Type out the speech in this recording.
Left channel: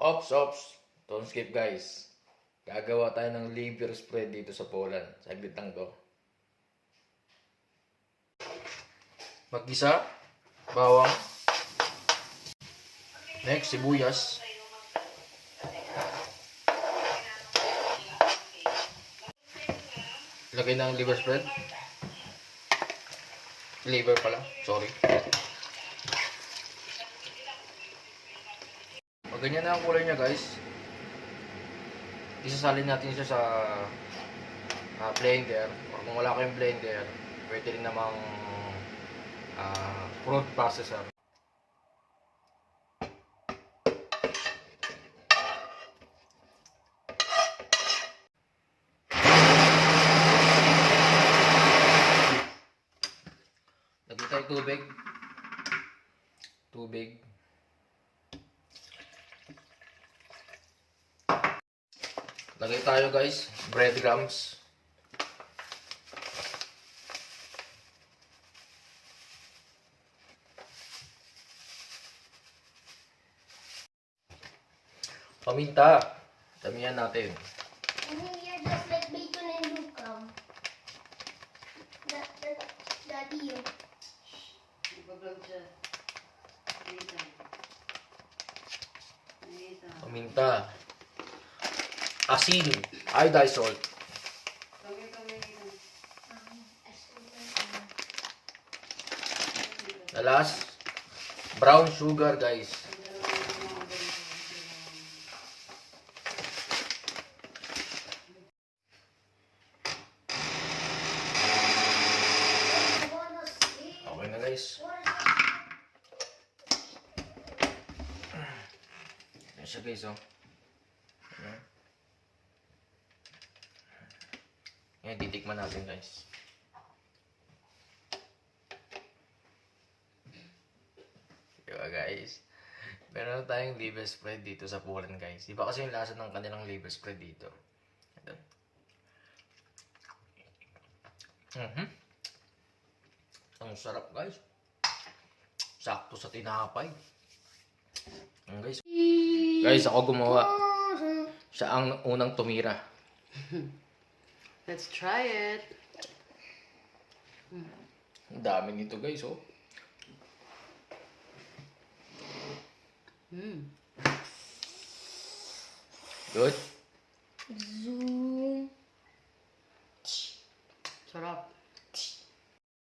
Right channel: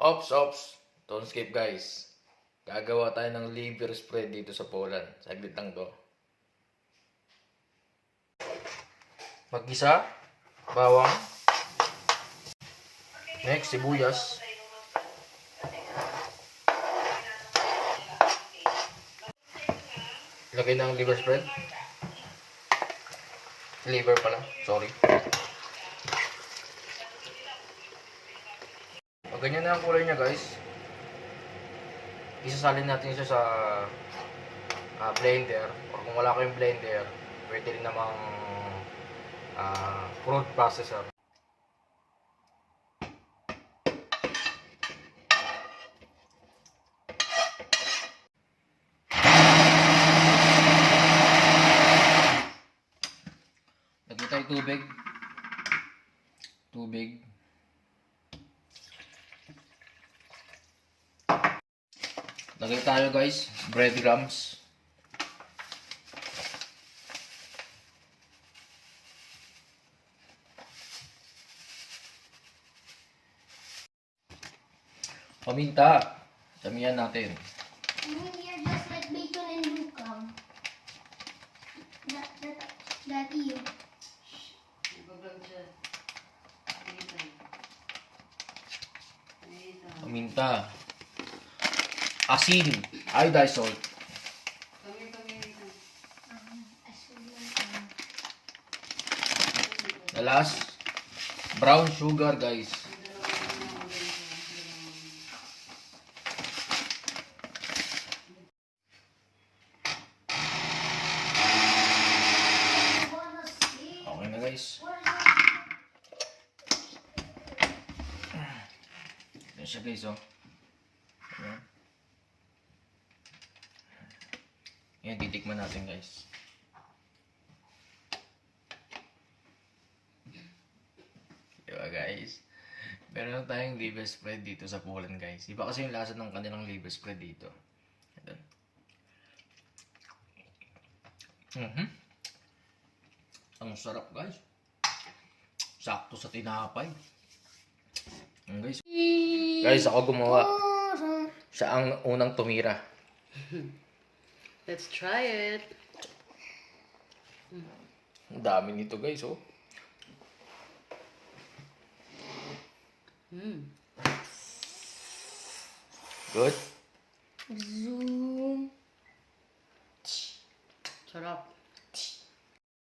Ops. Don't skip guys. Gagawa tayo ng liver spread dito sa Poland. Saglit lang to. Mag-isa. Bawang. Next, sibuyas. Lagay ng liver spread. Liver pala. Sorry. Pag ganyan na ang kulay niya guys, isasalin natin siya sa blender, or kung wala kayong blender, pwede rin namang food processor. Lagyan tayo tubig. Lagay tayo guys, breadcrumbs. Paminta. Damihan natin. You're just like bacon and lukam. Dati yun. Paminta. Asin. Iodized salt. The last, brown sugar guys. Okay na guys. Yan siya guys oh. Yan, titikman natin guys. Diba guys? Meron na tayong liver spread dito sa Poland guys. Iba kasi yung lasa ng kanilang liver spread dito. Ito. Ang sarap guys. Sakto sa tinapay. Guys. Guys, ako gumawa. Siya ang unang tumira. Let's try it. Ang dami nito guys oh. Good? Zoom. Sarap.